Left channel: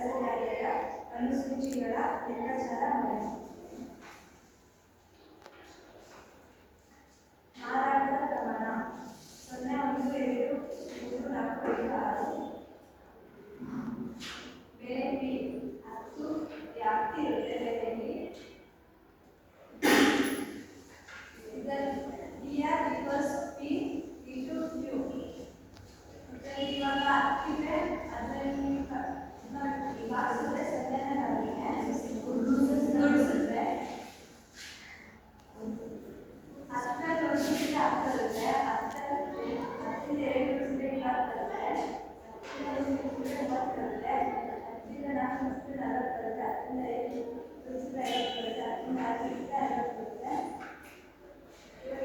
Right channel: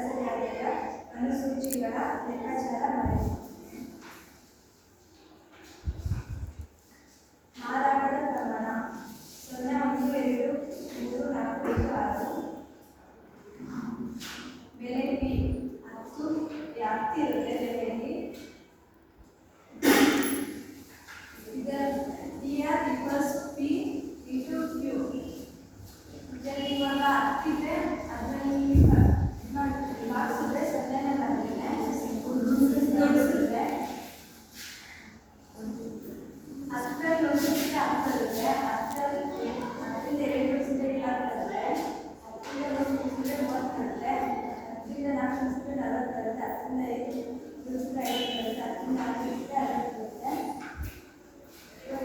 ಸರಾಸರಿಯ ಅನುಸೂಚಿಗಳ ಲೆಕ್ಕಾಚಾರ ಮಾಡಿ. ಮಾರಾಟದ ಪ್ರಮಾಣ 0, 1, 2, 3, 4, 5, 6. ಬೆಲೆ ಪಿ 10 ವ್ಯಾಪ್ತಿ ಇರುತ್ತೆ ಬೆಲೆಯಲ್ಲಿ. ಇದರ TR equals P into Q. ಇದರಲ್ಲಿ ಇವಾಗ 10 ಇದೆ, ಅದರಲ್ಲಿ ಭಾಗಿಸಿದ್ರೆ ಸೊನ್ನೆನೇ ಬರುತ್ತೆ, ಗುಣಿಸಿದ್ರೆ 10 ಗುಣಿಸಿದ್ರೆ 10 ಬರುತ್ತೆ, 10 2 ಗುಣಿಸಿದ್ರೆ 20 ಬರುತ್ತೆ, 10 ಗುಣಿಸಿದ್ರೆ 30 ಬರುತ್ತೆ, 10 4 ಗುಣಿಸಿದ್ರೆ 40 ಬರುತ್ತೆ, 10 5 ಗುಣಿಸಿದ್ರೆ 50 ಬರುತ್ತೆ, 10 6 ಗುಣಿಸಿದ್ರೆ 60 ಬರುತ್ತೆ. ಇವಾಗ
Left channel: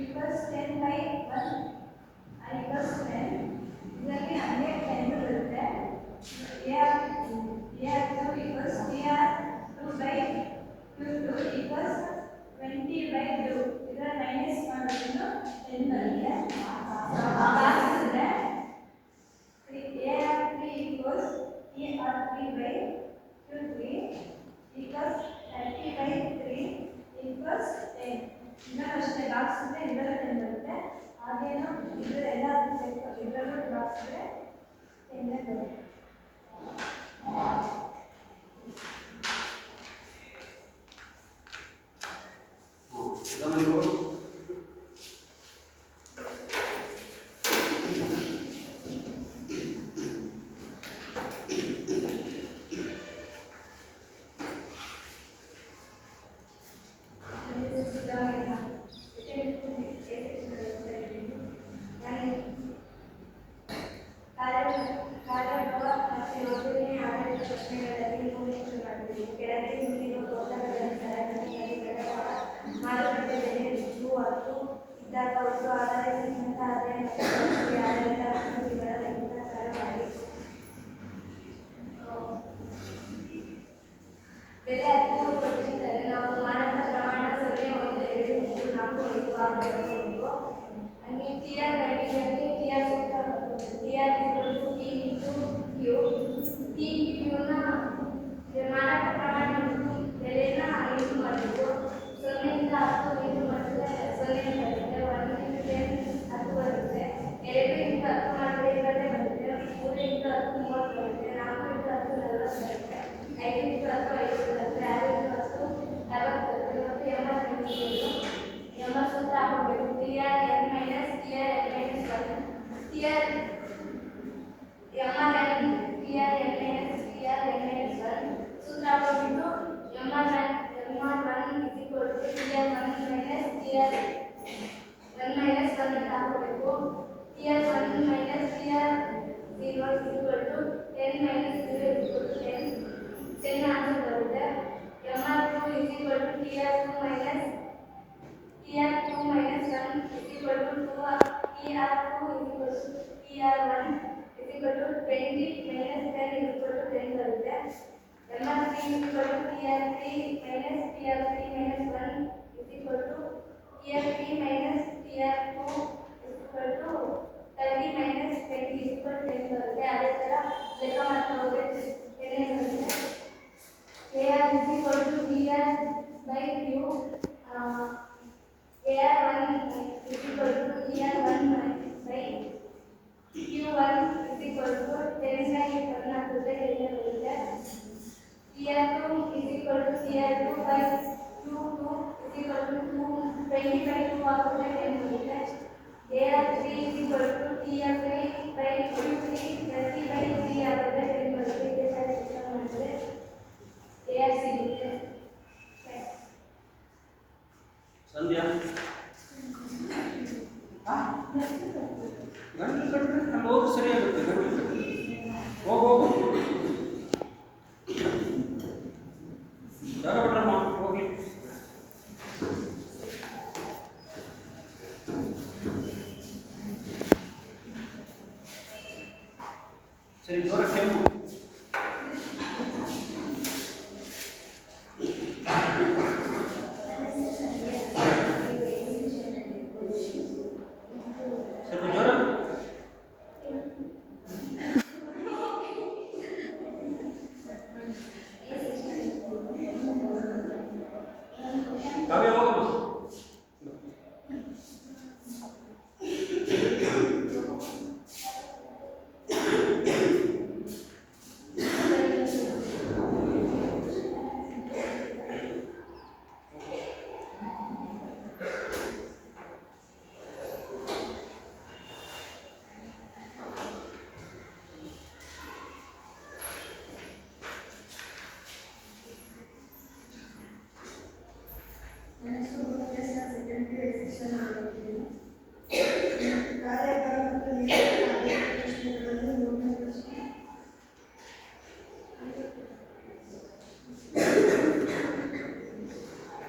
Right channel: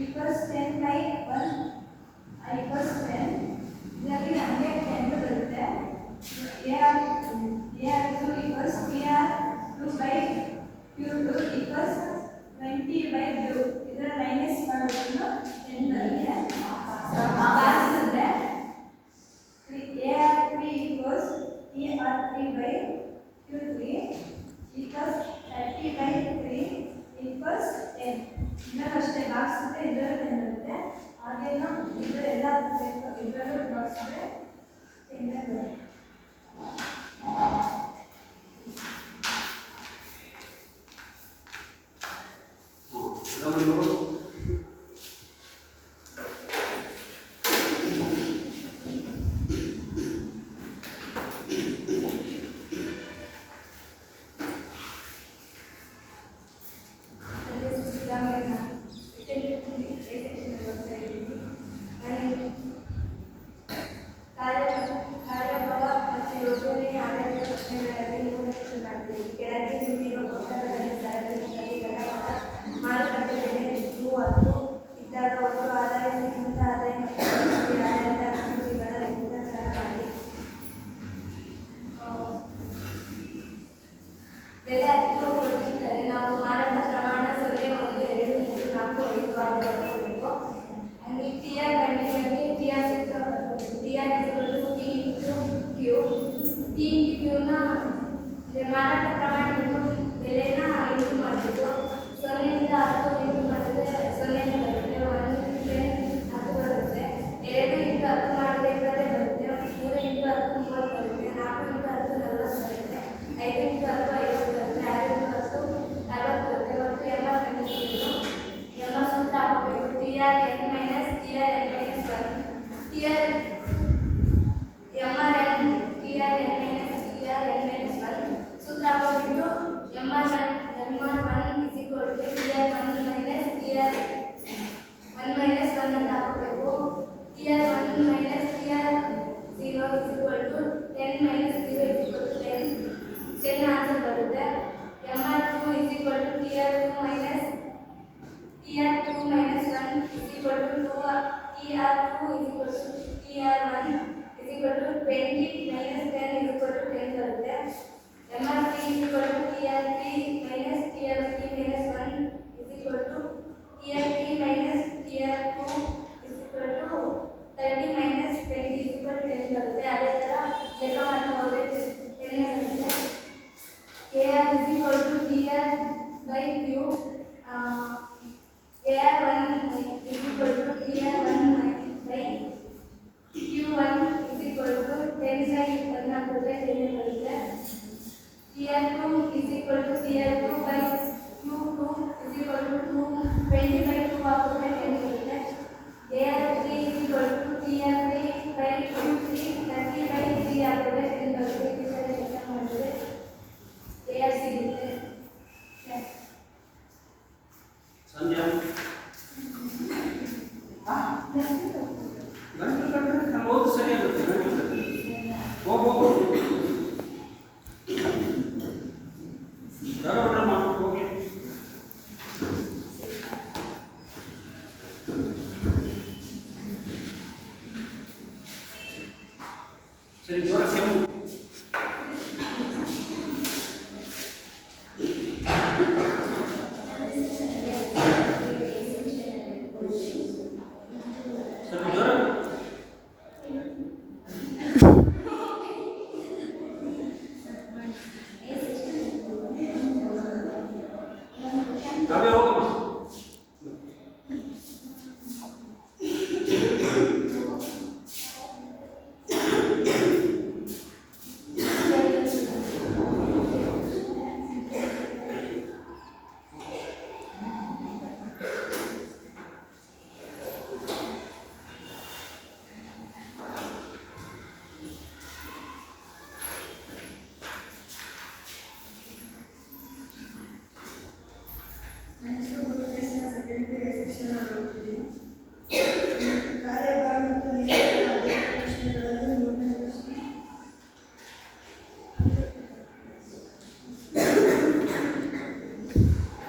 equals 10 by 1 equals 10. ಇದರಲ್ಲಿ ನಮಗೆ 10 ಬರುತ್ತೆ. A2 equals PR2 by Q2 equals 20 by Q. ಇದರ ಮೈನಸ್ ಮಾಡೋದನ್ನು 10 ಬರುತ್ತೆ. ಭಾಗಿಸಿದ್ರೆ A3 equals PR3 by Q3 equals 30 by 3 equals 10. ಇದನ್ನು ಅಷ್ಟೇ ಭಾಗಿಸಿದ್ರೆ ಇದರ 10 ಬರುತ್ತೆ. ಹಾಗೇನು ಇದರೆಲ್ಲ ಇದರಲ್ಲೂ ಭಾಗಿಸಿದ್ರೆ 10 ಬರುತ್ತೆ. ಮಾರಾಟ ಪ್ರಮಾಣ ಬೆಲೆನ ಇದು ಮಾಡಬೇಕು. 0 ಇಂದ 10 ಇದು ಮಾಡಿದ್ರೆ 0 ಬರುತ್ತೆ, 1 ಇಂದ 10 ಬರುತ್ತೆ, 2 ಇಂದ 10 ಮಾಡಿದ್ರೆ 20 ಬರುತ್ತೆ, 3 ಇಂದ 10 30 ಬರುತ್ತೆ, 4 ಇಂದ 10 40 ಬರುತ್ತೆ, 5 ಇಂದ 10 50 ಬರುತ್ತೆ, 6 ಇಂದ 10 60 ಬರುತ್ತೆ. ಮತ್ತು 80 ಸೂತ್ರ ಹಾಕಬೇಕು. TRN minus TRN minus 1 TRN MRN TRN minus TRN minus 1 ಸೂತ್ರ ಹಾಕಬೇಕು.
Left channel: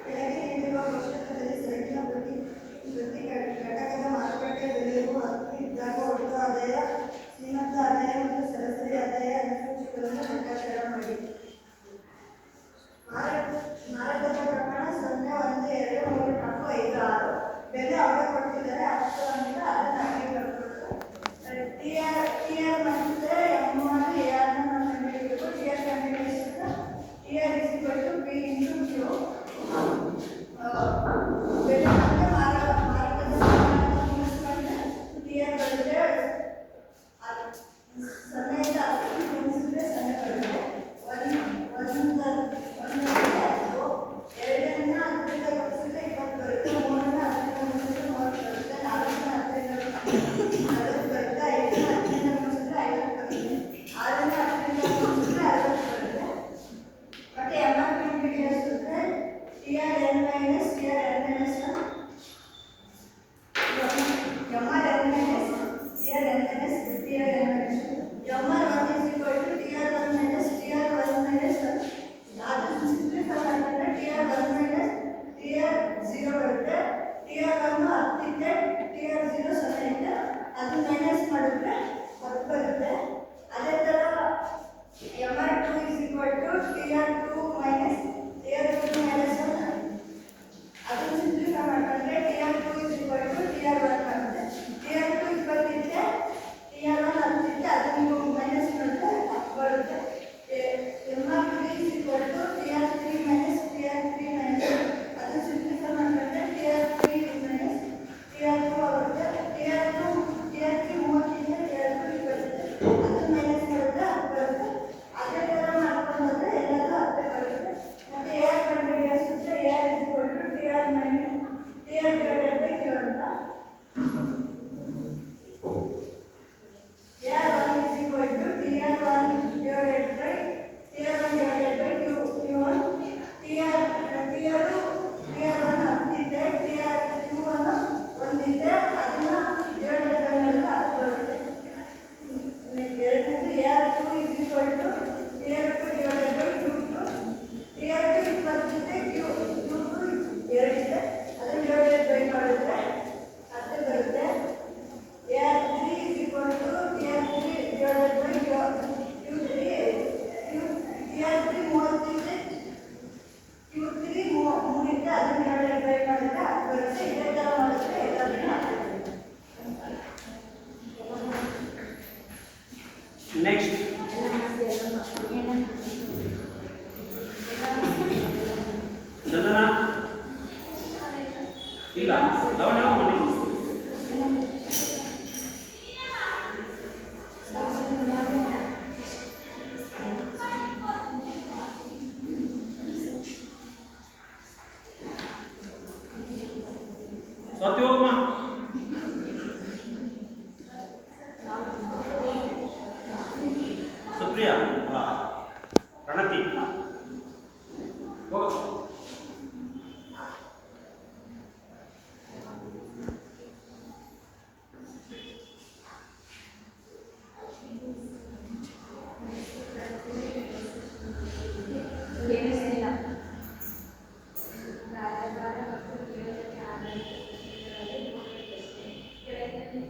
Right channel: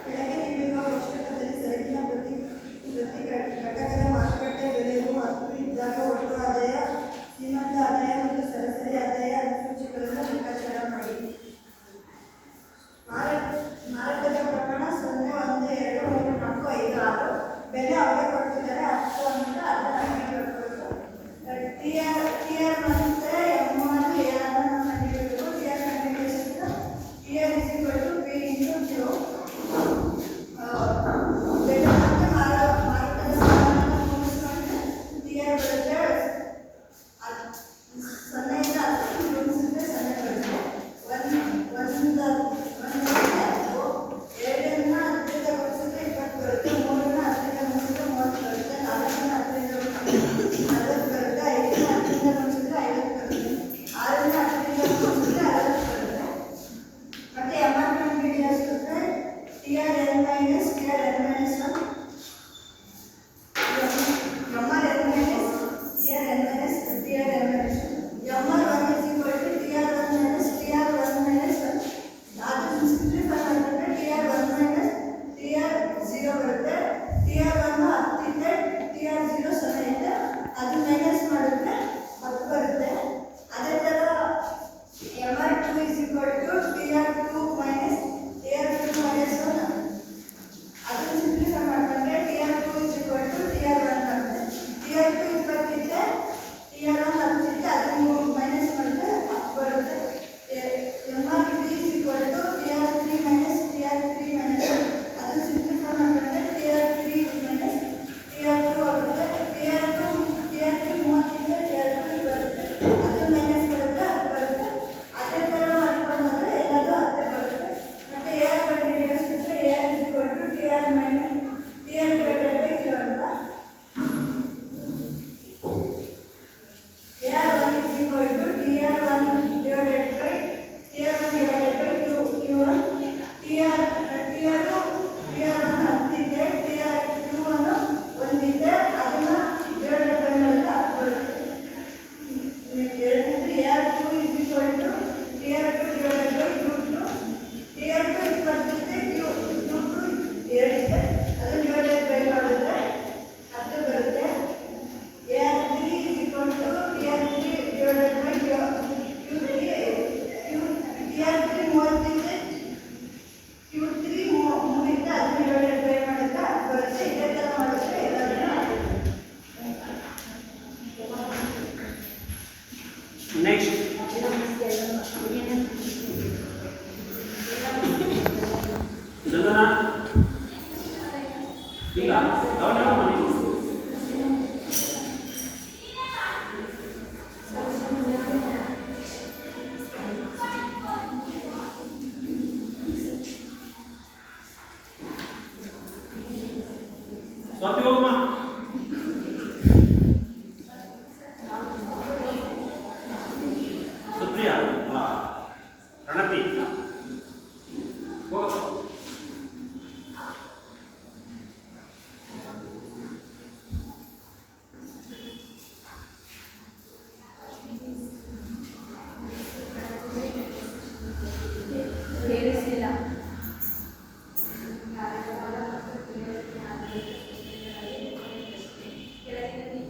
ಕೆಳಗೆ ನೀಡಿರುವ ಕೋಷ್ಟಕದಲ್ಲಿ ಸರಕಿನ ಪ್ರತಿ ಘಟಕದ ಮಾರುಕಟ್ಟೆ ಬೆಲೆಯು 10 ಇದ್ದಾಗ ಒಟ್ಟು ಆದಾಯ, ಶ್ರೀಮಂತ ಆದಾಯ ಮತ್ತು ಸರಾಸರಿ ಆದಾಯ ಅನುಸೂಚಿಗಳನ್ನು ಲೆಕ್ಕಾಚಾರ ಮಾಡಿ. ಮಾರಾಟದ ಪ್ರಮಾಣ 0, 1, 2, 3, 4, 5, 6. ಬೆಲೆ ಅವರೇ ಕೊಡ್ತಿದ್ದಾರೆ 10 ಅಂತ ಅದನ್ನು ನಮಗೆ ಬರ್ಬೇಕು. ಟಿಆರ್ ಮತ್ತೆ ಎಮ್ ಆರ್ ಎಆರ್ ನಾವು ಕಂಡುಹಿಡಬೇಕು. ಟಿಆರ್ ಕಂಡುಹಿಡಿಸಿದ್ರೆ TR is equal to P into Q. ಬೆಲೆ ಮತ್ತೆ ಮಾರಾಟದ ಪ್ರಮಾಣವನ್ನು ಕೂಡಿಸಿಕೊಂಡ್ರೆ ಟಿಆರ್ ಬರುತ್ತೆ 0 ಇಂದ 10 ಗುಣಿಸಿದ್ರೆ 0 ಬರುತ್ತೆ. ಒಂದರಿಂದ 10ರಿಂದ ಗುಣಿಸಿದ್ರೆ 20 ಬರುತ್ತೆ. 3ರಿಂದ 10ರಿಂದ ಗುಣಿಸಿದ್ರೆ 30 ಬರುತ್ತೆ. 4ರಿಂದ 10ರಿಂದ ಗುಣಿಸಿದ್ರೆ 40 ಬರುತ್ತೆ. 5ರಿಂದ 10ರಿಂದ ಗುಣಿಸಿದ್ರೆ 50 ಬರುತ್ತೆ. 6ರಿಂದ 10ರಿಂದ ಗುಣಿಸಿದ್ರೆ 60 ಬರುತ್ತೆ. ಮತ್ತೆ ಎಂಆರ್ ಕಂಡುಹಿಡಿಯೋದಿದ್ರೆ TR N minus TR N minus 1 MR N minus TR N minus TR N minus MR 1 is equal to TR 1 minus TR 1 minus 1. ಅದು ಸಿಂಪ್ಲಿಫೈ ಮಾಡಿದ್ರೆ ಟಿಆರ್ 1 ಮೈನಸ್ ಟಿಆರ್ 0 ಬರುತ್ತೆ. ಟಿಆರ್ 1 10 ಇದೆ, ಟಿಆರ್ 0 0 ಇದೆ. ಅದು ಮೈನಸ್ ಮಾಡಿದ್ರೆ 10 ಬರುತ್ತೆ. ಅದೇ ಥರ MR 2 is equal to TR 2 minus TR 2 minus 1. ಅದನ್ನು ಸಿಂಪ್ಲಿಫೈ ಮಾಡಿಕೊಂಡ್ರೆ TR 2 is equal to TR 1 ಬರುತ್ತೆ. ಟಿಆರ್ 2 20 ಇದೆ, ಟಿಆರ್ 1 10 ಇದೆ. ಅದನ್ನು ಮೈನಸ್ ಮಾಡಿದ್ರೆ 10 ಬರುತ್ತೆ. MR 3 is equal to TR 3 minus TR 3 minus 1. ಅದನ್ನು ಸಿಂಪ್ಲಿಫೈ ಮಾಡಿಕೊಂಡ್ರೆ ಟಿಆರ್ 3 ಮೈನಸ್ ಟಿಆರ್ 2 ಆಗುತ್ತೆ. ಟಿಆರ್ 3 30 ಇದೆ, ಟಿಆರ್ 2 ಬರುತ್ತೆ. ಅದನ್ನು ಮೈನಸ್ ಮಾಡಿದ್ರೆ 10 ಬರುತ್ತೆ. ಅದೇ ಥರ ಮಾಡ್ಕೊಂಡು ಹೋದರೆ ಎಲ್ಲದೂ 10 ಬರುತ್ತೆ. ಮತ್ತು ಎಆರ್ ಕಂಡುಹಿಡಿಯೋದಿದ್ರೆ AR is equal to TR minus TR divided by Q ಅಂತ. AR 1 is equal to TR 1 divided by TR 1 divided by Q1. TR 1 10 ಇದೆ, ಟಿಆರ್ Q1 1 ಇದೆ. ಅದನ್ನು ಡಿವೈಡೆಡ್ ಬೈ ಮಾಡಿದ್ರೆ 10 ಬರುತ್ತೆ. ಎರಡನೇದು AR 2 is equal to TR 2 divided by Q2. TR 2 20 ಇದೆ, Q2 2 ಇದೆ. ಅದನ್ನು ಡಿವೈಡೆಡ್ ಬೈ ಮಾಡಿದ್ರೆ 10 ಬರುತ್ತೆ. AR 3 is equal to TR 3 divided by Q3. TR 3 30 ಇದೆ, Q3 3 ಇದೆ. ಅದನ್ನು ಡಿವೈಡೆಡ್ ಬೈ ಮಾಡಿದ್ರೆ 10 ಬರುತ್ತೆ. ಇದೇ ಥರ ಮಾಡಿದ್ರೆ ಎಲ್ಲದನ್ನು ನೆಕ್ಸ್ಟ್ ಇದನ್ನ ಇಲ್ಲ ಗಮನ ಮಾಡಿ. ಸ್ವಾತಿ ಹೋಗಮ್ಮ. ಸುಪ್ರಿಯಾ ಪ್ರಣತಿ ಹೋಗ. ಕೇಳಿಸಿಲ್ಲ.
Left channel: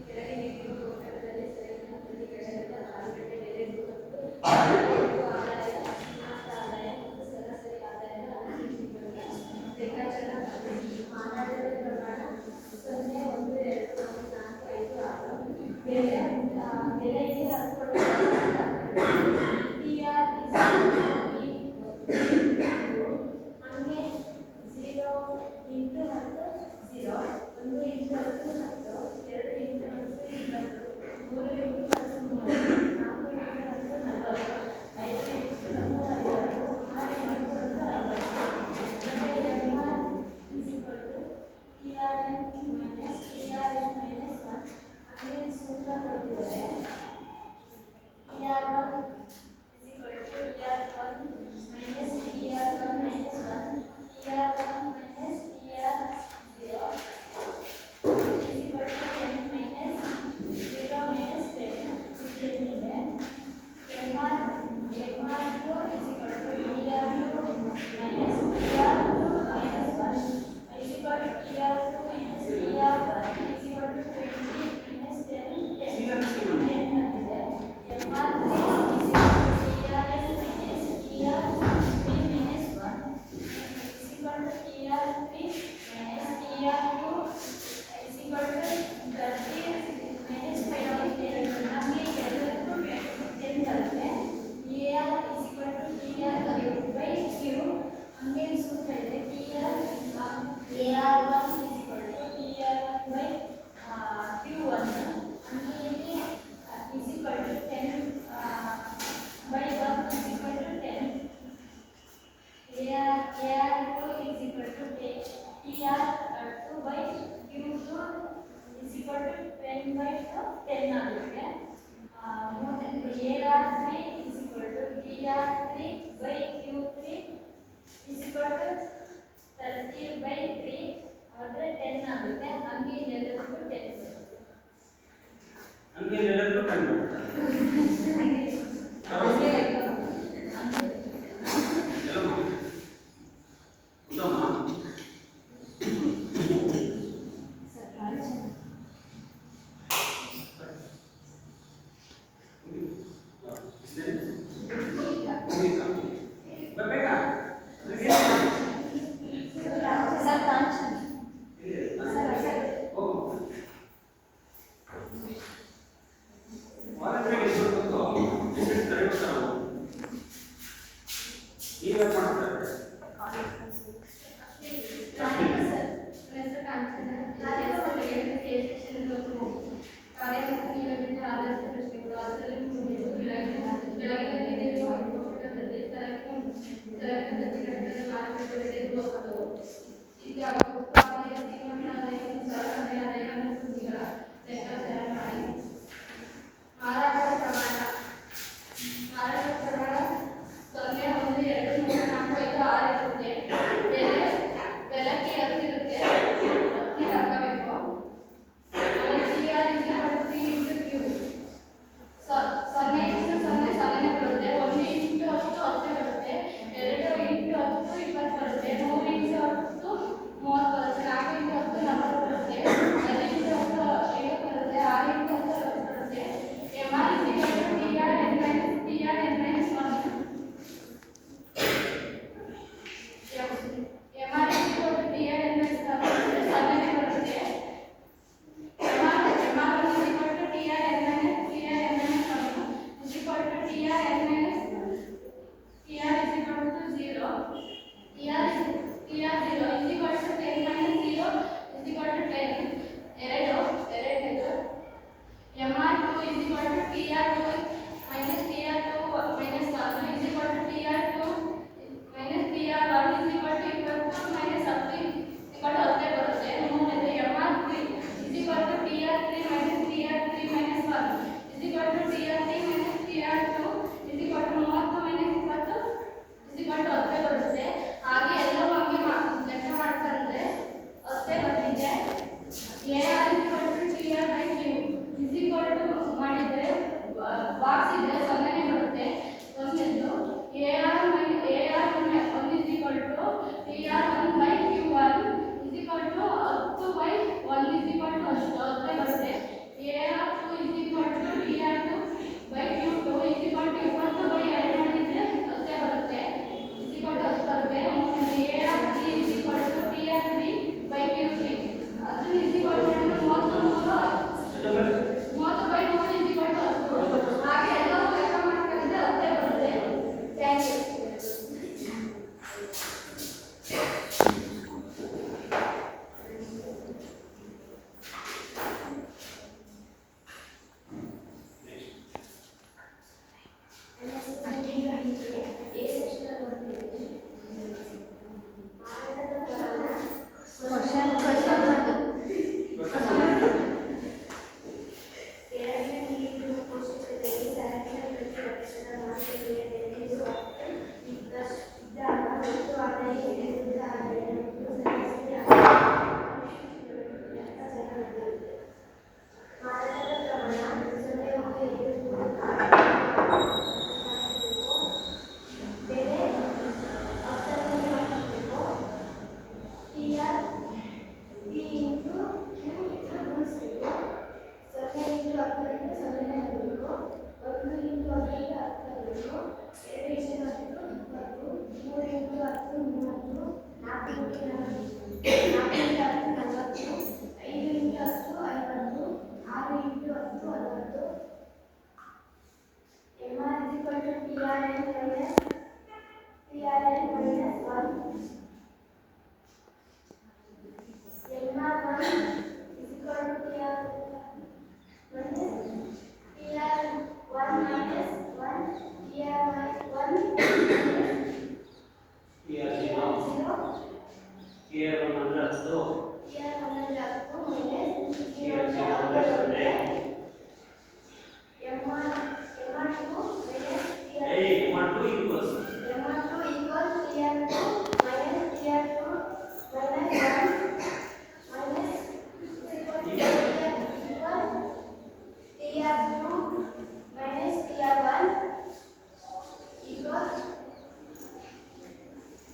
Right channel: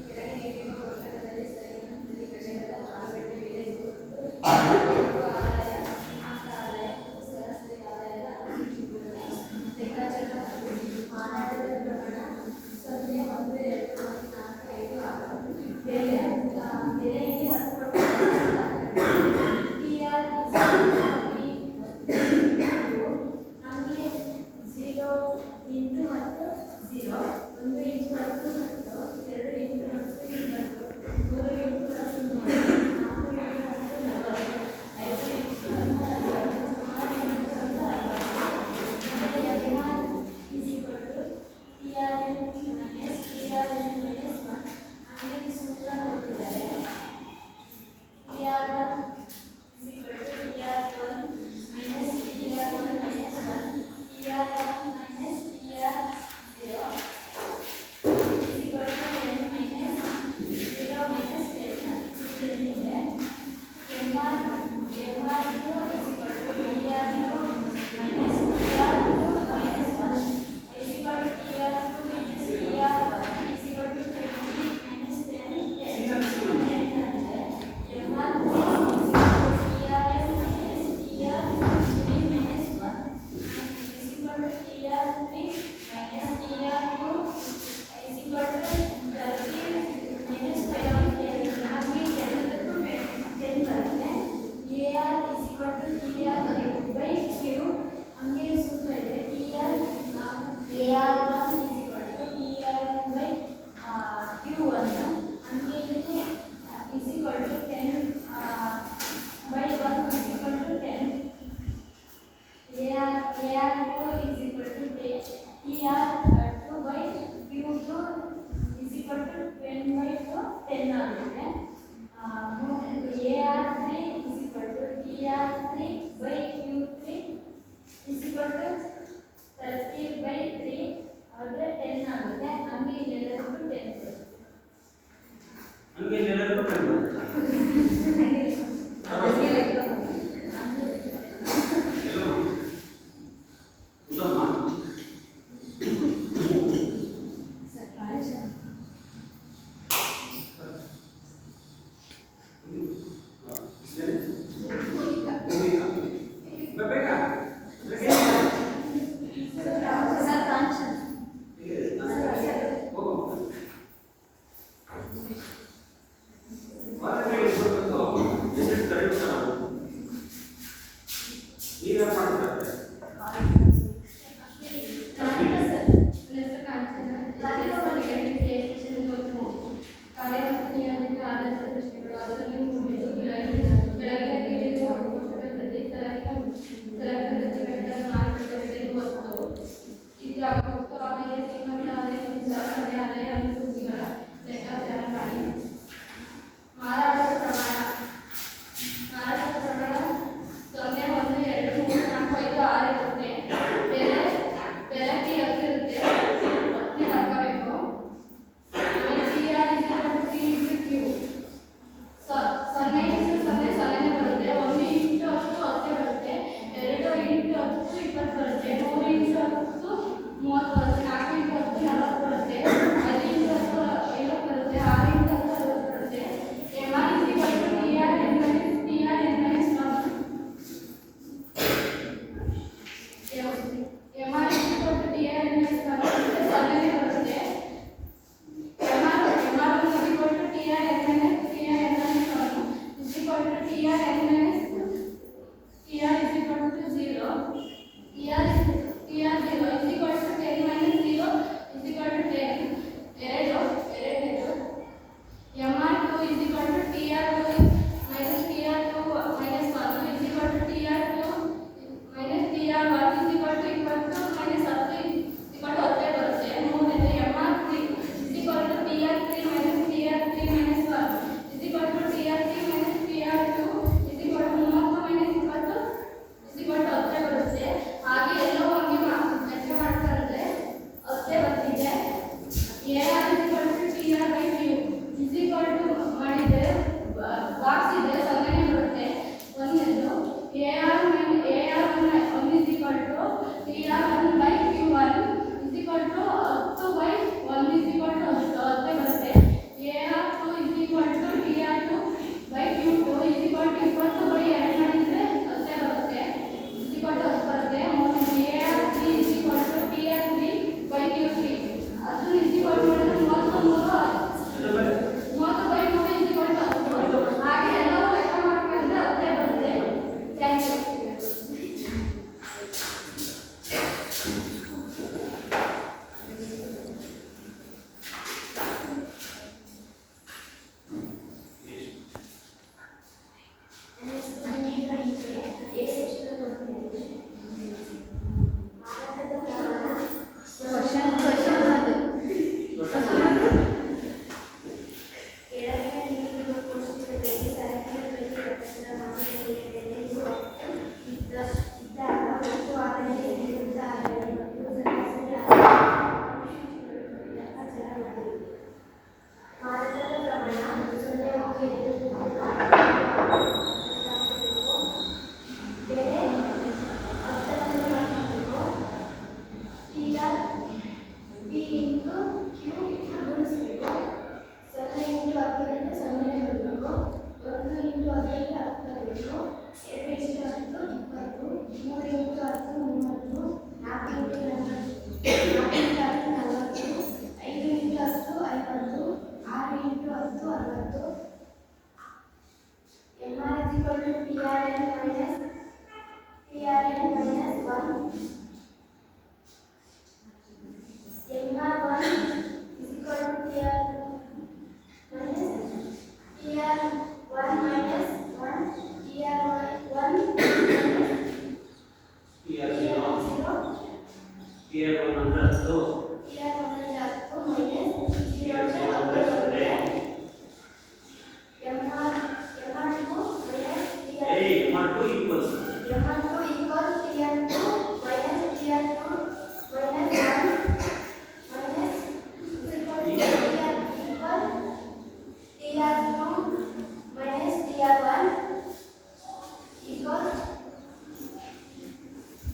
ಕೆಳಗೆ ನೀಡಿರುವ ಕೋಷ್ಟಕದಲ್ಲಿ ಸರಕಿನ ಪ್ರತಿ ಘಟಕದ ಮಾರುಕಟ್ಟೆ ಬೆಲೆ ಒಟ್ಟು ಆದಾಯ, ಶ್ರೀಮಂತ ಆದಾಯ TR3/Q3 is equal to 30/3 ಆದರೆ 10 ಆಗುತ್ತೆ. ಹಂಗೆ ಇಲ್ಲೆಲ್ಲದಕ್ಕೂ 10 ಬರುತ್ತೆ. ಹಂಗೆ ಎಲ್ಲರೂ ಕಂಡು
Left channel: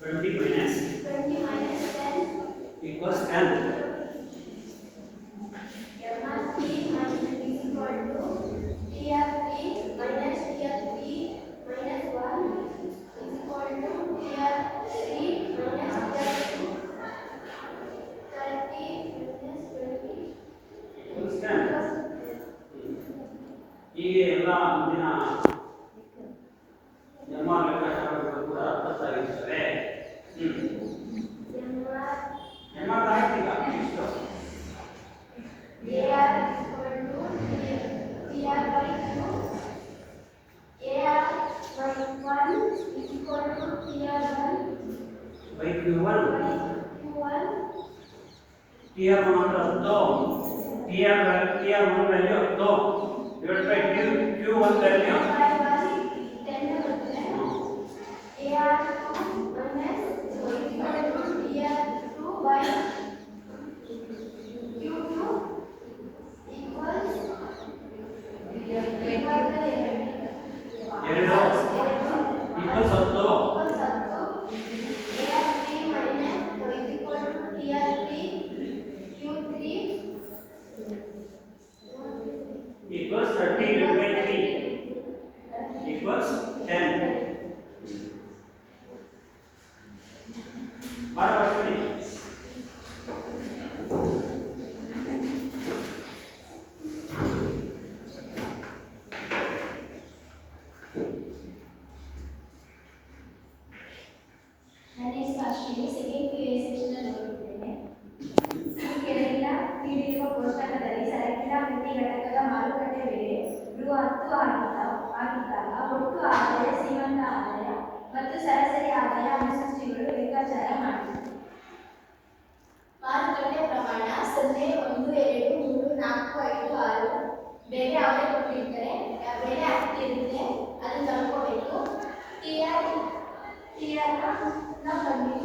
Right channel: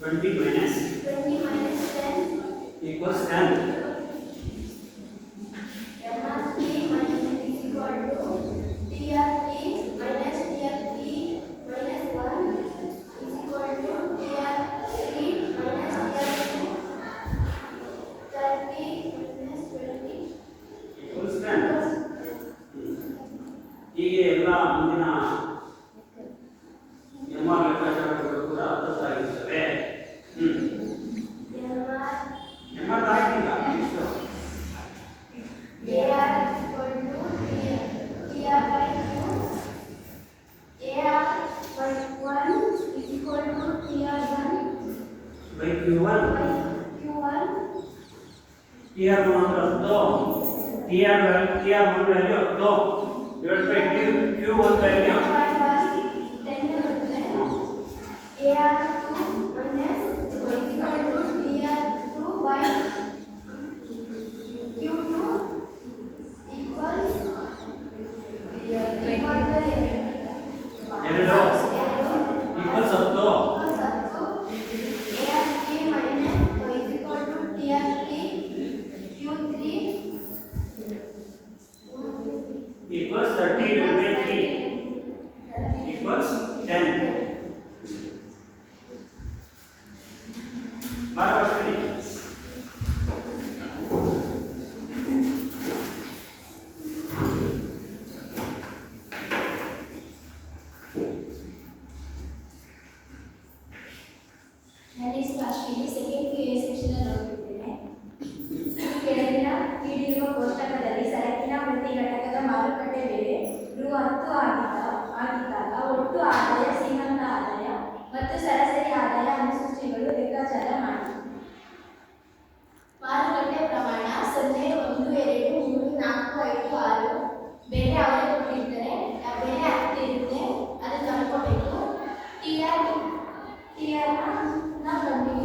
20 minus 20 minus 10 equals 10. MRP minus is equal to TRP minus TRP minus 1 is equal to TRP minus TRP 30 minus 20 equals 10. ಹೀಗೆ ಎಲ್ಲ ಮುಂದಿನ ಎಲ್ಲ ಲೆಕ್ಕಾಚಾರಗಳು ಕೂಡ ಅರ್ಥವಾಗಿರ್ತವೆ. MR ತಾರೀಕಿಲ್ಲ ಇಷ್ಟು AR equal to TR by Q. AR by 1 is equal to TR1 by Q1 by Q1. TR1 10 TR1 value 10 divided by Q1 value by 1 10 ಬರುತ್ತೆ. AR2 minus is equal to TR2 by Q2 equals ಎರಡು equals 10. AR3 minus is equal to TR3 Q3 equals 30 divided by 3 equals 10. ಬರಬರ್ತೀನಿ next Ashwini second PA section ಓದಿದ್ದೇನೆ. ಕೆಳಗಿನ ನೀಡಿರುವ ಕೋಷ್ಟಕದಲ್ಲಿ ಸರಕಿನ ಪ್ರತಿ ಘಟಕದ ಮಾರುಕಟ್ಟೆ ಬೆಲೆ ರೂ 10 ಆಗಿದ್ದಾಗ ಒಟ್ಟು ಆದಾಯ, ಶ್ರೀಮಂತ ಆದಾಯ ಮತ್ತು ಸರಾಸರಿ ಆದಾಯ ಅನುಸೂಚಿಗಳು ಲೆಕ್ಕಾಚಾರ ಮಾಡಿ. ಮಾರುಕಟ್ಟೆ ಪ್ರಮಾಣ 0, 1, 2, 3, 4, 5, 6 ಬೆಲೆ ಅವರೇ ಕೊಟ್ಟಿರ್ತಾರೆ. ಬೆಲೆ 10 ಇರುತ್ತೆ, ಅದು ತಂದ್ಕೋಬೇಕು. TR ನ ಕಂಡು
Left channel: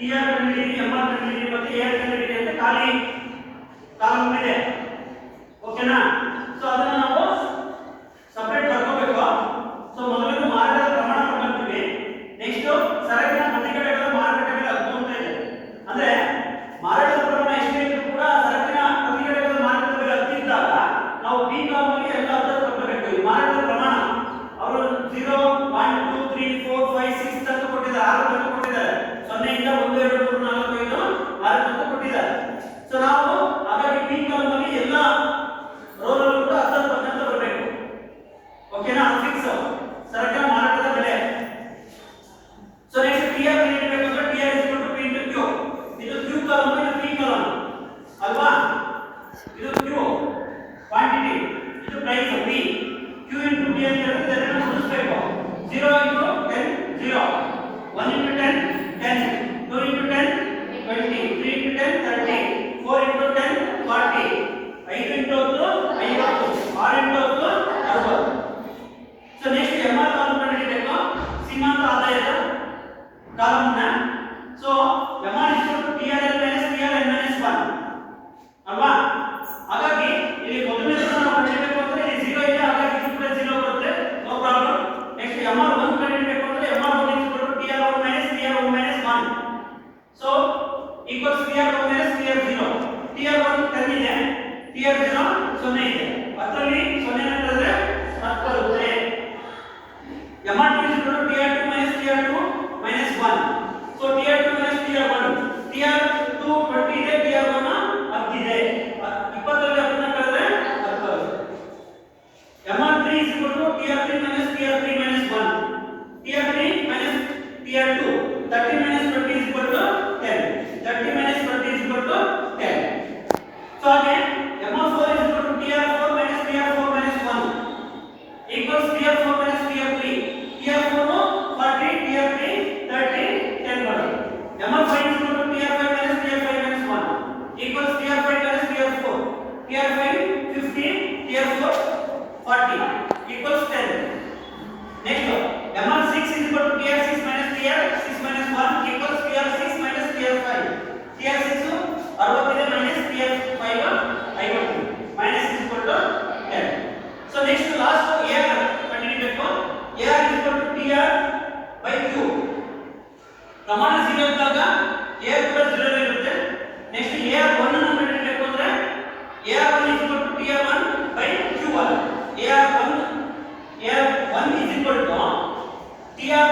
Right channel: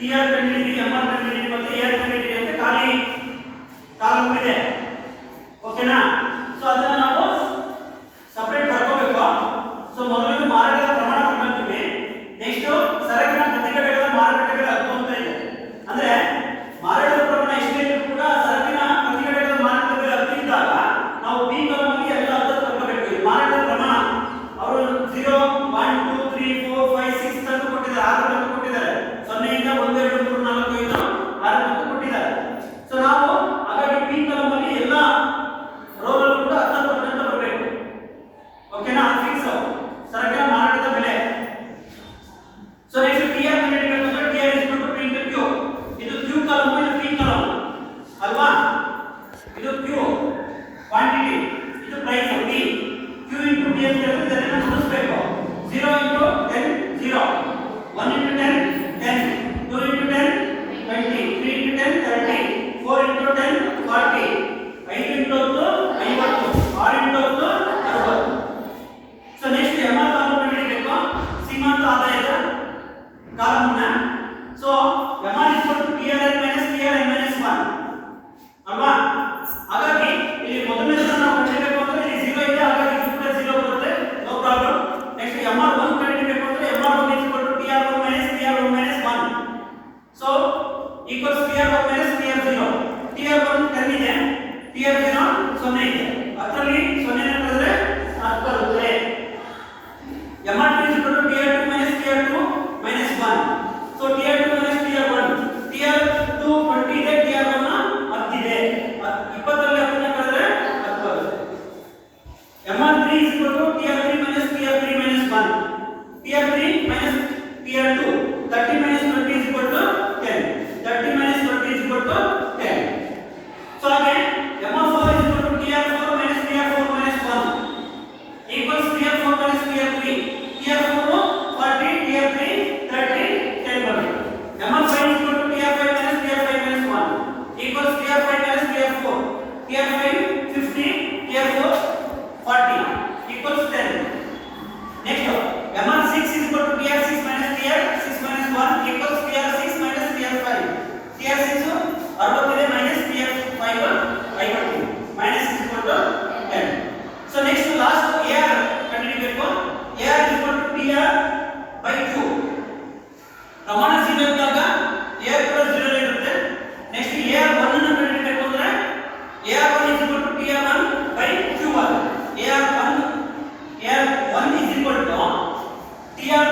TR ಕಂಡುಹಿಡಿಯಿರಿ, MR ಕಂಡುಹಿಡಿಯಿರಿ ಮತ್ತು AR ಕಂಡುಹಿಡಿಯಿರಿ ಅಂತ ಖಾಲಿ ಕಾಲಮ್ ಇದೆ. ಓಕೆನಾ? ಸೊ ಅದನ್ನ ನಾವು ಸಪರೇಟ್ ಮಾಡ್ಕೋಬೇಕು. ಸೊ ಮೊದಲು ಮಾರಾಟದ ಪ್ರಮಾಣ ತಗೊಂತೀವಿ. ನೆಕ್ಸ್ಟ್ ಸರಕಿನ ಪ್ರತಿಘಟಕದ ಮಾರುಕಟ್ಟೆಗಳ ಹಕ್ಕು ಅಂತ ಇದೆ. ಅಂದ್ರೆ ಮಾರಾಟದ ಪ್ರಮಾಣ ಎಷ್ಟೇ ಇದ್ರೂ ಕೂಡ ಸರಕಿನ ಪ್ರತಿಘಟಕದ ಮಾರುಕಟ್ಟೆಗಳ ಹಕ್ಕು ಇದ್ದಾಗ ನಾವು ಬಿ ಕಾಲಮ್ ಅಲ್ಲಿ ಎಲ್ಲ ಹತ್ತು ತಗೋಬೇಕು. ಇದು ಮಾರಾಟದ ಪ್ರಮಾಣ. ಅವರು 0 1 2 3 4 5 6 ತನಕ ಕೊಟ್ಟಿದ್ದಾರೆ, 6 ತನಕ ಕೊಟ್ಟಿದ್ದಾರೆ. 0 ಇಂದ 1 2 3 4 5 6 ತನಕ ಕೊಟ್ಟಿದ್ದಾರೆ. ಸೊ ನಾವು ಹಾಗಾಗಿ ಬಿ ಕಾಲಮ್ ಅಲ್ಲಿ ಎಲ್ಲ ರೋಲ್ ಅಲ್ಲೂ ಕೂಡ 10% ಬರಬೇಕು. ಓಕೆನಾ? ಫಿಕ್ಸ್ ಸರಕಿನ ಮಾರಾಟದ ಬೆಲೆ. ಸೊ ನೆಕ್ಸ್ಟ್ ಟಿಆರ್ ಕಂಡುಹಿಡಿಯಬೇಕಂದ್ರೆ TR is equal to P into Q. ಇದು ಕ್ಯೂ ಕಾಲಮ್, ಇದು ಪಿ ಕಾಲಮ್ ಅಲ್ವಾ? ಇದು ಕ್ಯೂ ಕ್ವಾಂಟಿಟಿ, ಇದು price P. Q into T ಅಂತ ಹೇಳಿದ್ರೆ ಇದನ್ನ ಗುಣಿಸಬೇಕು. 0 into 10 0, 1 into 10 10, 2 into 10 20, 3 into 10 30, 4 into 10 40, 5 into 10 50, 6 into 10 60. So next MR column ಕಂಡುಹಿಡಿಯಬೇಕು, ಸೀಮಾಂತ ಆದಾಯದ ಕಾಲಮ್ನ. So MR is equal to TRN minus TRN minus 1 ಅಲ್ವಾ? ಹಾಗಾಗಿ ಇಲ್ಲಿ ಮೊದಲನೇದನ್ನ ನಾವು ಕಂಡುಹಿಡಿಯಬೇಕು ಅಂದ್ರೆ ಇಲ್ಲಿ 0 ಇದೆ, ಹಾಗಾಗಿ ಇದು ಕೂಡ 0 ಬರುತ್ತೆ, ನೋ ಪ್ರಾಬ್ಲಮ್. ನೆಕ್ಸ್ಟ್ ಎಂಆರ್ 1 ಕಂಡುಹಿಡಿಯಬೇಕು ಅಂದ್ರೆ MR 1 is equal to TR 1 minus TR 1 minus 1. So equals TR 1 minus TR 0. TR 1 10 ಇದೆ, ಟಿಆರ್ 0 0 ಇದೆ. ಅದರಲ್ಲಿ 0 ನ ಕಳೆದ್ರೆ 10 ಬರುತ್ತೆ. MR 2 is equal to TR 2 minus TR 2 minus 1. So TR 2 minus TR 1, TR 2 20 ಇದೆ, TR 1 10 ಇದೆ. 20 ರಲ್ಲಿ 10 ನ ಕಳೆದ್ರೆ 10 ಬರುತ್ತೆ. MR 3 is equal to TR 3 minus TR 3 minus 1. TR 3 minus TR 2, 30 minus 20 is equal to 10. 30 minus 20 is equal to 10. So ಹಾಗೆ MR 4 is equal to TR 4 minus TR 4 minus 1 equals TR 4 minus TR 3. TR 4 40, TR 3 30, 10 ಬರುತ್ತೆ. MR 5 is equal to TR 5 minus TR 5 minus 1 equals TR 5 minus TR 4. TR 5 50, TR 4 40 equals 10. Next MR 6 is equal to TR 6 minus TR 6 minus 1 equals TR 6 minus TR 5. TR 6 60 ಇದೆ minus TR 5 50 minus is equal to 10. So next to last AR ಕಂಡುಹಿಡಿಯಬೇಕು. AR is equal to TR by Q. ಪ್ರಮಾಣ 0 ಇದ್ದಾಗ AR ಕೂಡ 0 ಇರುತ್ತೆ. Next AR 1 ಅನ್ನು ಕಂಡುಹಿಡಿಯಬೇಕು ಅಂದ್ರೆ AR 1 is equal to TR 1 by Q1. AR 1 is equal to TR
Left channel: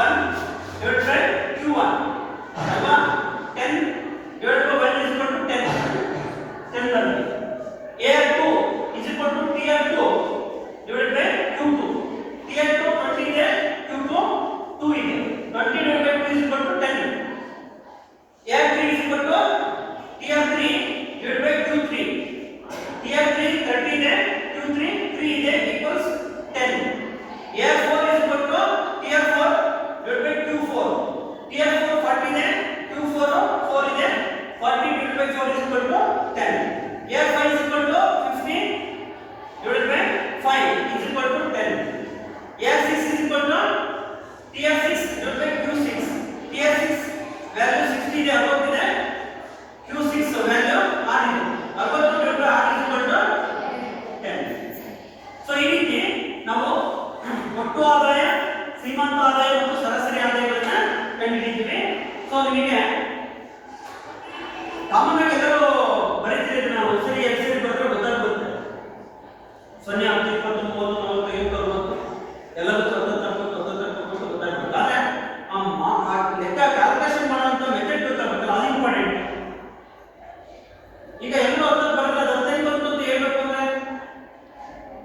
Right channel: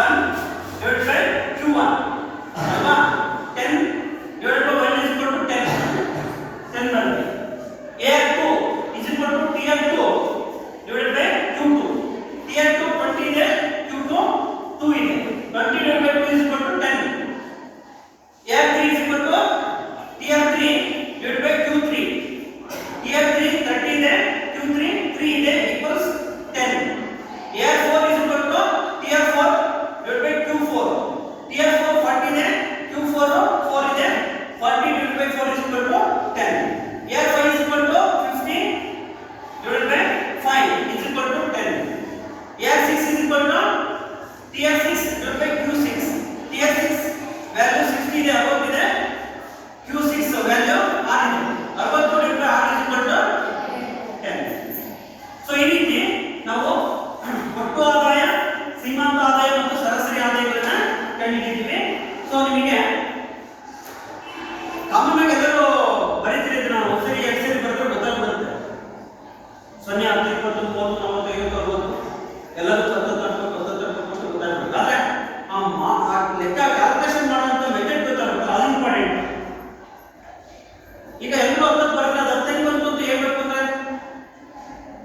1 divided by Q1. ಅಲ್ವಾ? 10 divided by 1 is equal to 10. 10 ಬರುತ್ತೆ. AR 2 is equal to TR 2 divided by Q2. TR 2 20 ಇದೆ, Q2 2 ಇದೆ. 20 divided by 2 is equal to 10. AR 3 is equal to TR 3 divided by Q3. TR 3 30 ಇದೆ, Q3 3 ಇದೆ equals 10. AR 4 is equal to TR 4 divided by Q4. TR 4 40 ಇದೆ, Q4 4 ಇದೆ, 40 divided by 4 is equal to 10. AR 5 is equal to 50 divided by 5 is equal to 10. AR 6 is equal to TR 6 divided by Q6. TR 6 value 60 ಇದೆ, 60 ಇದೆ, Q6 value 6 ಇದೆ. 60 divided by 6 is equal to 10. So ಈ ರೀತಿ ನಾವು ಒಟ್ಟು ಆದಾಯ, ಸೀಮಾಂತ ಆದಾಯ ಮತ್ತು ಸರಾಸರಿ ಆದಾಯಗಳನ್ನ ಕಂಡುಹಿಡಿತೀವಿ. ಸೊ ನಿಮಗೆ ಕಾಮನ್ ಆಗಿ ಎಲ್ಲರೂ ಬರೀತಿರೋದು ನಾವು ಒಂದ್ಸರಿ ಎರಡು ಸರಿ ಬರೆದ್ರೆ ಗೊತ್ತಾಗ್ಬಿಡುತ್ತೆ. 0 10 20 30 40 50 60 ಎಲ್ಲರೂ ಸ್ವತಂತ್ರ ಗೊತ್ತಾಗ್ಬಿಡುತ್ತೆ. ಆದ್ರೆ ಆ ಲೆಕ್ಕ ಕ್ಯಾಲ್ಕುಲೇಷನ್ ಮಾಡುವಂತ ಮೆಥಡ್ ಗೊತ್ತಾಗುತ್ತೆ, ಅದು ಇಂಪಾರ್ಟೆಂಟ್. ಈಗ ಎಲ್ಲರೂ 10 ಬರೆದ್ರೆ ಅದು 15 ಬಂತು ಅಂತ ಹೇಳ್ಬೇಕು ಅಂದ್ರೆ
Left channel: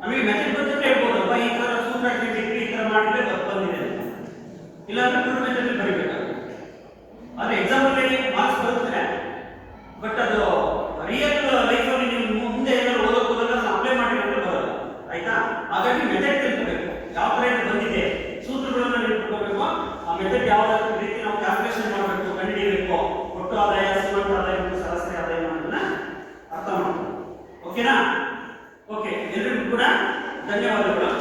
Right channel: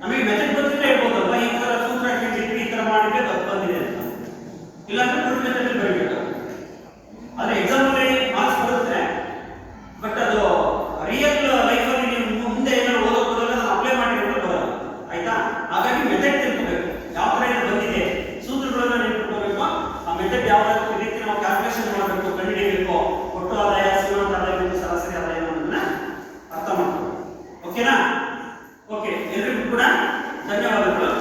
ನಮಗೆ ಮೆಥಡ್ ಗೊತ್ತಿದ್ರೆ ಹೇಳ್ಬೋದಲ್ವಾ, ಈ ತರ ಸೂತ್ರ ಹಾಕಿಟ್ಟು ಈ ತರ ಮಾಡಿದ್ರೆ 10 ಬಂದಿದೆ ಅಂತ. ಇಲ್ಲಾಂದ್ರೆ ಟೂರ್ ಮೆಥಡ್ ಬರೀಬೇಕಾಗುತ್ತೆ. ಆದ್ರೆ ಎಕ್ಸಾಮ್ ಅಲ್ಲಿ ಮಾರ್ಕ್ಸ್ ಬರುತ್ತೆ, ಬಟ್ ಅದು ರಿಯಲ್ ಲೈಫ್ ಅಲ್ಲಿ ನೀವು ಮುಂದೆ ಏನಾದ್ರು ಓದೋಕೆ ಹೋದಾಗ ಅಪ್ಲೈ ಮಾಡಿದ್ರೆ ಬರೋಲ್ಲ. ಆಯ್ತಾ? ಹಾಗಾಗಿ ಮೆಥಡ್ ತಿಳ್ಕೋಬೇಕು, ಯಾವ ತರ ಇದು ಬಂದಿದೆ, ಸೂತ್ರಗಳನ್ನ ನೆನಪಿಟ್ಕೋಬೇಕು. ಆ ಮೆಥಡ್ ಯಾವ ರೀತಿ ನಾವು ಕ್ಯಾಲ್ಕುಲೇಷನ್ ಮಾಡಬೇಕು, ಕಂಡುಹಿಡಿಯಬೇಕು, ಒಟ್ಟು ಆದಾಯ, ಸೀಮಾಂತ ಆದಾಯ ಮತ್ತು ಸರಾಸರಿ ಆದಾಯ ಅನ್ನೋದನ್ನ ಅರ್ಥ ಮಾಡಬೇಕು. ಓಕೆನಾ? ಓಕೆ, ಎಲ್ಲರಿಗೂ ಕೂಡ ಧನ್ಯವಾದಗಳು.